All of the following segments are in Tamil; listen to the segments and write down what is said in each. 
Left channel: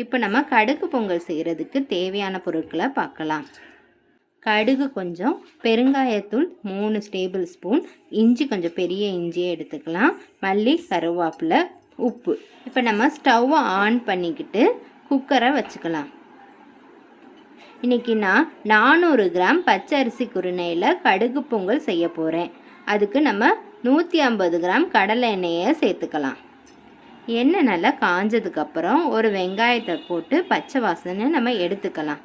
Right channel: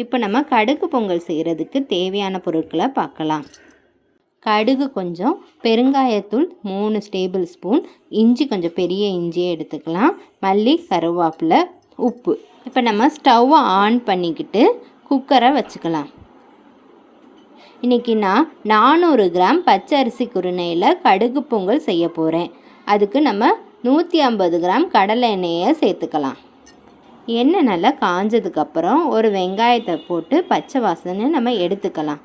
இப்போ நம்ம கடுகு பொங்கல் செய்கிறதுக்கு தேவையான பொருட்களை பார்க்கலாம். கடுகு கொஞ்சம், பெருங்காயத்தூள் 3 டேபிள் ஸ்பூன், இஞ்சி கொஞ்சம் பெரிய இஞ்சியை எடுத்துக்கலாம், மல்லி, கருவேப்பிலை, உப்பு. இப்போ நம்ம ஸ்டவ்வை ஆன் பண்ணிக்கிட்டு குக்கரை வச்சுக்கலாம். இன்றைக்கி நான் 400 கிராம் பச்சை அரிசி குருணையில் கடுகு பொங்கல் செய்ய போகிறேன். அதுக்கு நம்ம 150 கிராம் கடலை எண்ணெயை சேர்த்துக்கலாம். எண்ணெய் நல்லா காஞ்சதுக்கப்புறம் ஒரு வெங்காயத்தை போட்டு பச்சை வாசனை நம்ம எடுத்துக்கலாம்.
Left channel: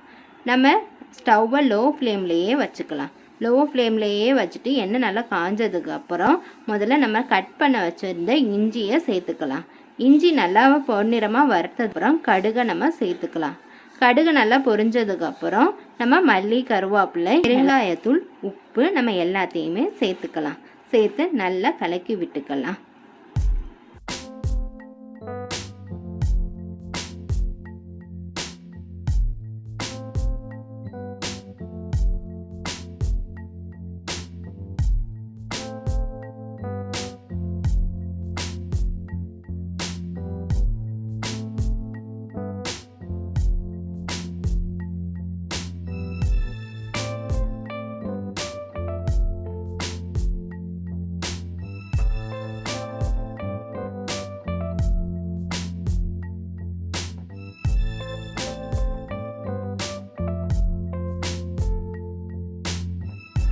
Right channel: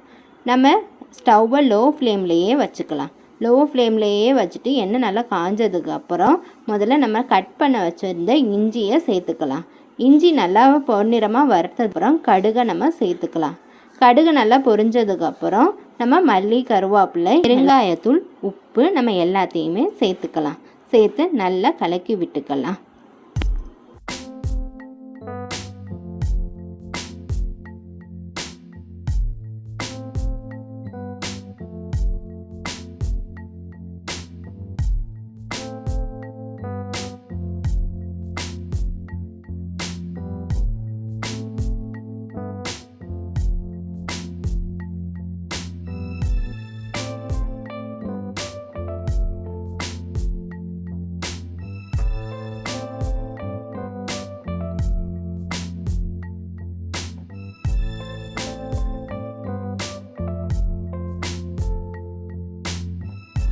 நம்ம ஸ்டவ்வை லோ ஃப்ளேம்லேயே வச்சுக்கலாம். லோ ஃப்ளேம்லேயே வச்சுட்டு எண்ணெய் நல்லா காஞ்சதுக்கப்புறம் முதல்ல நம்ம கட் பண்ண வச்சுருந்த இஞ்சியை சேர்த்துக்கலாம். இஞ்சி நல்லா பொன்னிறமாக வறுத்ததுக்கப்புறம் கடுகை நம்ம சேர்த்துக்கலாம். கடுகு நல்லா பொரிஞ்சதுக்கப்புறம் நம்ம மல்லி, கருவேப்பிலை, பெருங்காயத்தூள், உப்பு நம்ம எல்லாத்தையுமே சேர்த்துக்கலாம். சேர்த்து நல்லா கலக்கி விட்டுக்கலாம்.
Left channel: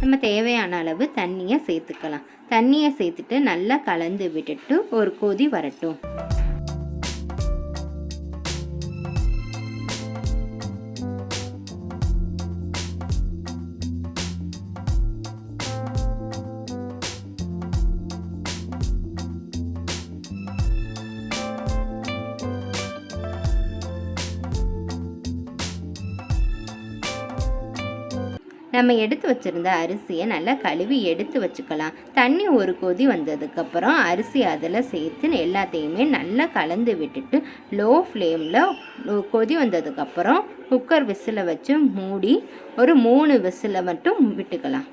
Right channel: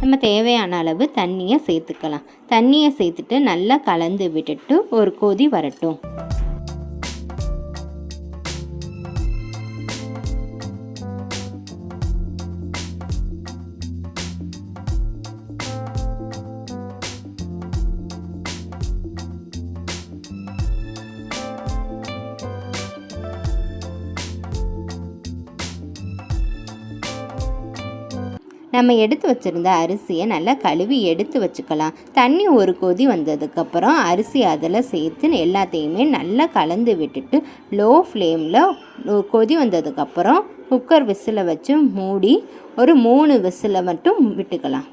நம்ம தேவையான அளவு தண்ணியை சேர்த்துக்கலாம். தண்ணியை சேர்த்துட்டு நல்லா கலந்து விட்டுட்டு ஒரு கொதி வரட்டும். நம்ம எடுத்து வச்சுருந்த அரிசியை நல்லா கழுவி எடுத்து வச்சுக்கலாம். தண்ணி ஒரு கொதி வந்ததுக்கப்புறம் அரிசி அதில் சேர்த்து எல்லாத்தையுமே நல்லா கலந்து விட்டுட்டு லோ ஃப்ளேமில் கொதி வந்ததுக்கப்புறம் குக்கர் விசிலை வச்சு மூடி ஒரு 3 விசிலை மட்டும் விட்டுக்கலாம்.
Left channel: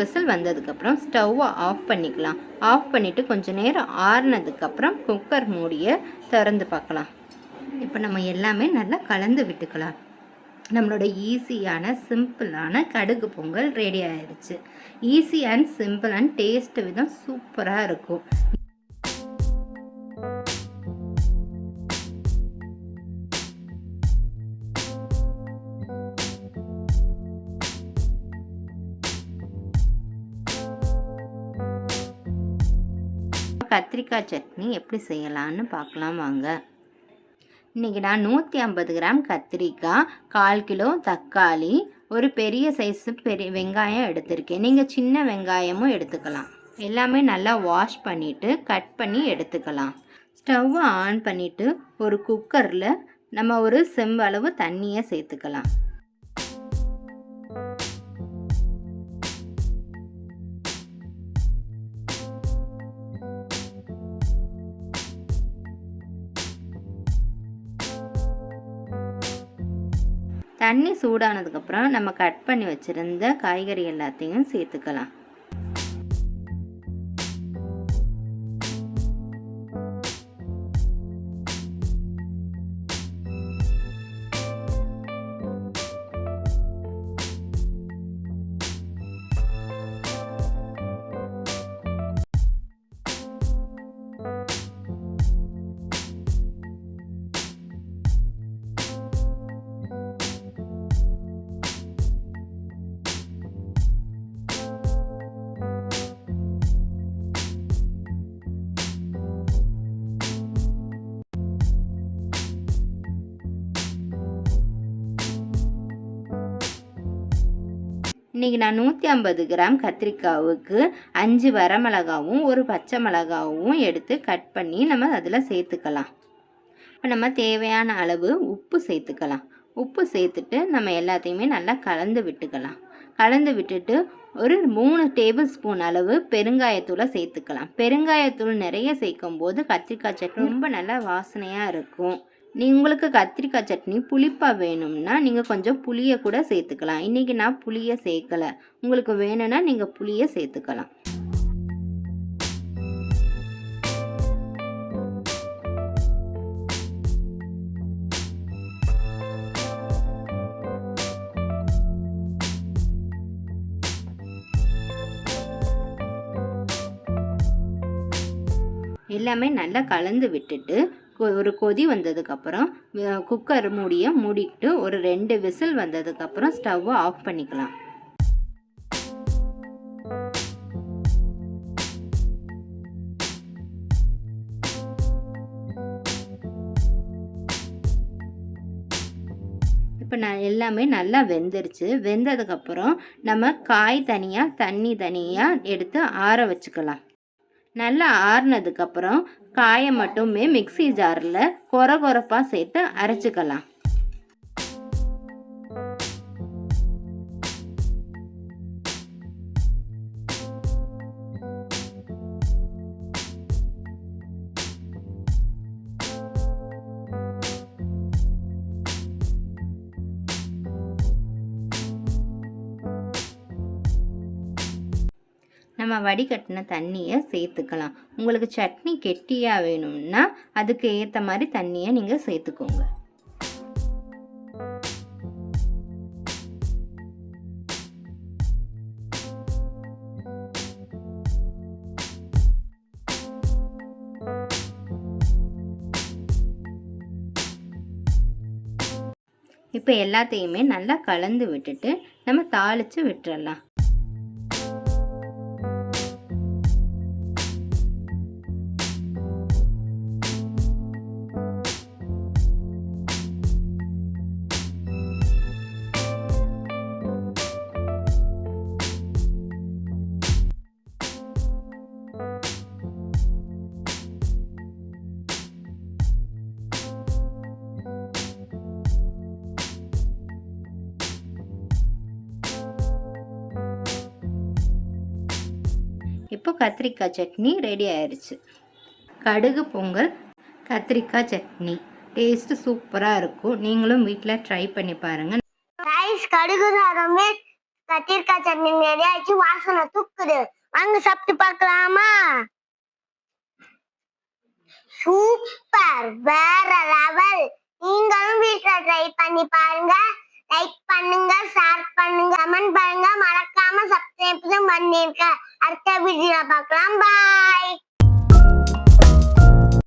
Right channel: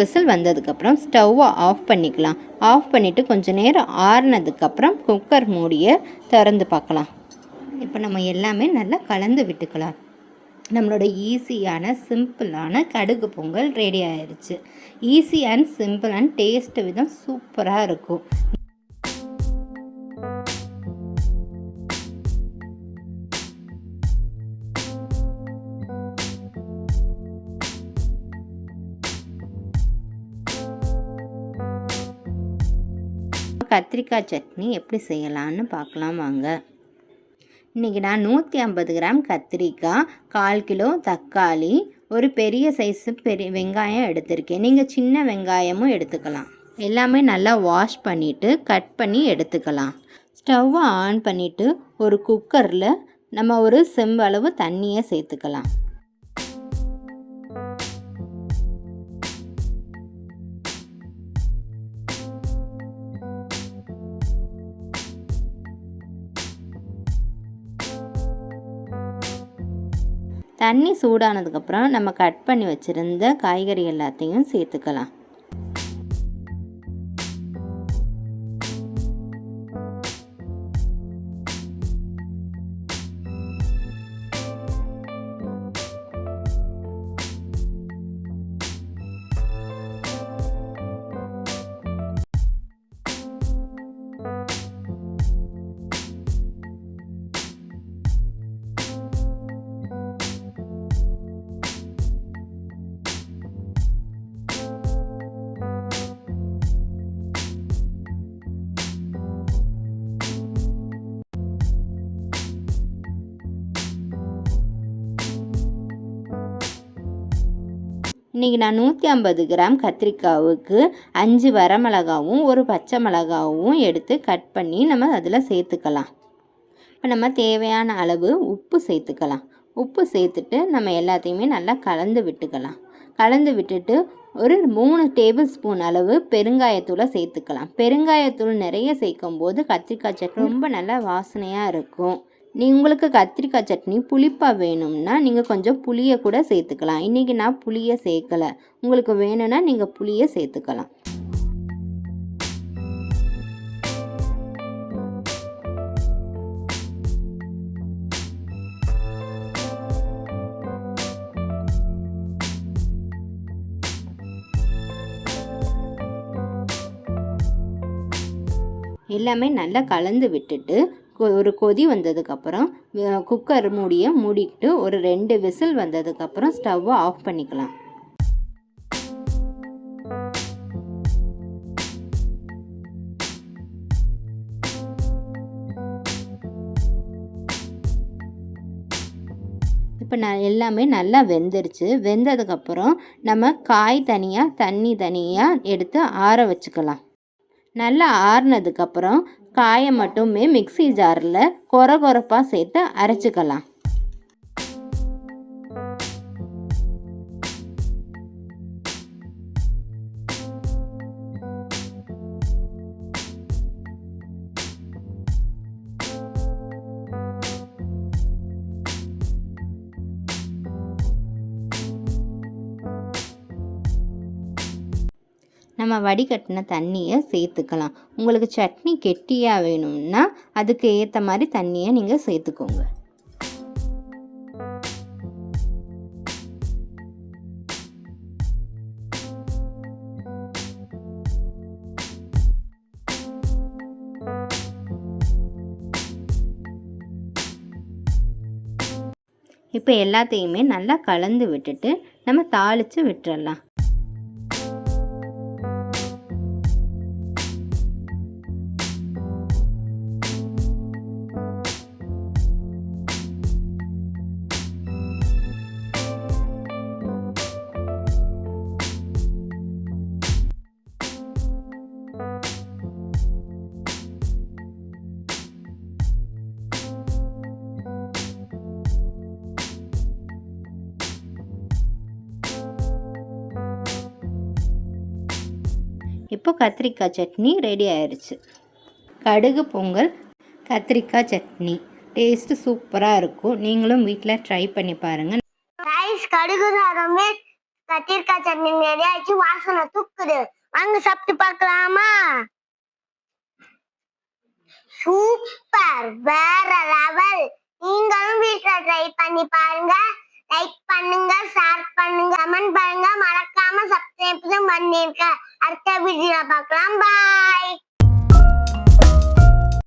விசில் வந்ததுக்கப்புறம் ஸ்டவ்வை ஆஃப் பண்ணிக்கலாம். ஆஃப் பண்ணிவிட்டு கொஞ்சம் நேரம் ஆறுனதுக்கப்புறம் குக்கர் மூடியை திறந்து பார்க்கலாம். இப்போ நம்ம எல்லாமே நல்லா கலந்து விட்டுக்கலாம். நம்மளோட ஈஸியான சிம்பிளான கடுகு பொங்கல் ரெடி ஆயிடுச்சு. Easy and simple and taste விதம் சூப்பராக இருக்கும். கத்திரிக்காய் சட்னி எப்படி செய்யலான்னு பார்க்கலாம் வாங்க. இன்றைக்கி நான் 150 கிராம் கத்திரிக்காய், 1/4 கிலோ தக்காளி, ஒரு பெரிய சைஸு வெங்காயம் எடுத்திருக்கேன். நீங்கள் சின்ன வெங்காயமும் எடுத்துக்கலாம். எல்லாமே நல்லா வாஷ் பண்ணிவிட்டு கட் பண்ணி எடுத்துக்கலாம். ஸ்டவ்வை ஆன் பண்ணிவிட்டு ஒரு குக்கரில் நம்ம ஒரு செம்பளவு தண்ணியை சேர்த்துக்கலாம். தண்ணி சூடானதுக்கப்புறம் நம்ம கட் பண்ணி வச்சுருந்த காய்கறி எல்லாத்தையும் சேர்த்துக்கலாம். இன்றைக்கி நான் 150 கிராம் கத்திரிக்காவுக்கு 5 வரமிளகாவும் ஒரு பச்சை மிளகாவும் எடுத்து கட் பண்ணி நம்ம அதில் சேர்த்துக்கலாம். இப்போ நம்ம தேவையான அளவு உப்பு சேர்த்துக்கலாம். உப்பு சேர்த்துட்டு நம்ம எல்லாத்தையுமே நல்லா கலந்து விட்டுக்கலாம். கலந்து விட்டுட்டு ஒரு 3 டேபிள் ஸ்பூன் அளவு பெருங்காயத்தூளை சேர்த்துக்கலாம். பெருங்காயத்தூள் நிறைய சேர்க்கும் போது கத்திரிக்காய் சட்னி ரொம்ப நல்லா வாசனையாக இருக்கும். உங்களுக்கு கத்திரிக்காய் சட்னி புளிப்பாக வேணும்னா நீங்கள் கொஞ்சம் புளியை கூட சேர்த்துக்கலாம். இன்றைக்கி நான் புளியை சேர்க்கலை. உங்களுக்கு வேணும்னா நீங்கள் புளியை சேர்த்துக்கலாம். எல்லாமே நல்லா கலந்து விட்டுட்டு ஒரு கொதி வந்ததுக்கப்புறம் குக்கர் மூடியை மூடிட்டு ஒரு 2 விசில் வந்ததுக்கப்புறம் ஸ்டவ்வை ஆஃப் பண்ணிக்கலாம். இப்போ எல்லாமே நல்லா வெந்துருச்சு. வெந்ததுக்கப்புறம் நம்ம காய் தனியாக தண்ணி தனியாக எடுத்து ஆற வச்சுக்கலாம். நல்லா ஆறுனதுக்கப்புறம் காயை மட்டுமே மிக்ஸி ஜாரில் கொரகொரப்பாக சேர்த்து அரைச்சிக்கலாம். நம்ம வடிகட்டின தண்ணியை சேர்த்துக்கலாம். உங்களுக்கு சட்னி கெட்டியாக வேணும்னா அதுக்கு ஏற்ற மாதிரி தண்ணியை நீங்கள் சேர்த்துக்கோங்க. இப்போ எல்லாத்தையுமே நல்லா கலந்து விட்டுட்டு நம்ம தாளித்து விட்டுறலாம். இப்போ கத்திரிக்காய் சட்னி ரெடி ஆயிடுச்சு. கடுகு பொங்கல் கத்திரிக்காய் சட்னி டேஸ்ட் சூப்பராக இருக்கும். நீங்களும் வீட்டில் ட்ரை பண்ணி பாருங்கள். கடுகு சாதமே கத்திரிக்காய் சட்னி ரெடி ஆயிடுச்சு. வாசனை தூக்குது. வாங்க சாப்பிட்டு பார்க்கலாமா? சூப்பர், வேற லெவல். நீங்களும் வீட்டுல ட்ரை பண்ணி பாருங்க. லைக் பண்ணுங்க, ஷேர் பண்ணுங்க, கமெண்ட் பண்ணுங்க. மறக்காம சப்ஸ்கிரைப் பண்ணிருக்க. அடுத்த வீடியோல பார்க்கலாம். பாய்.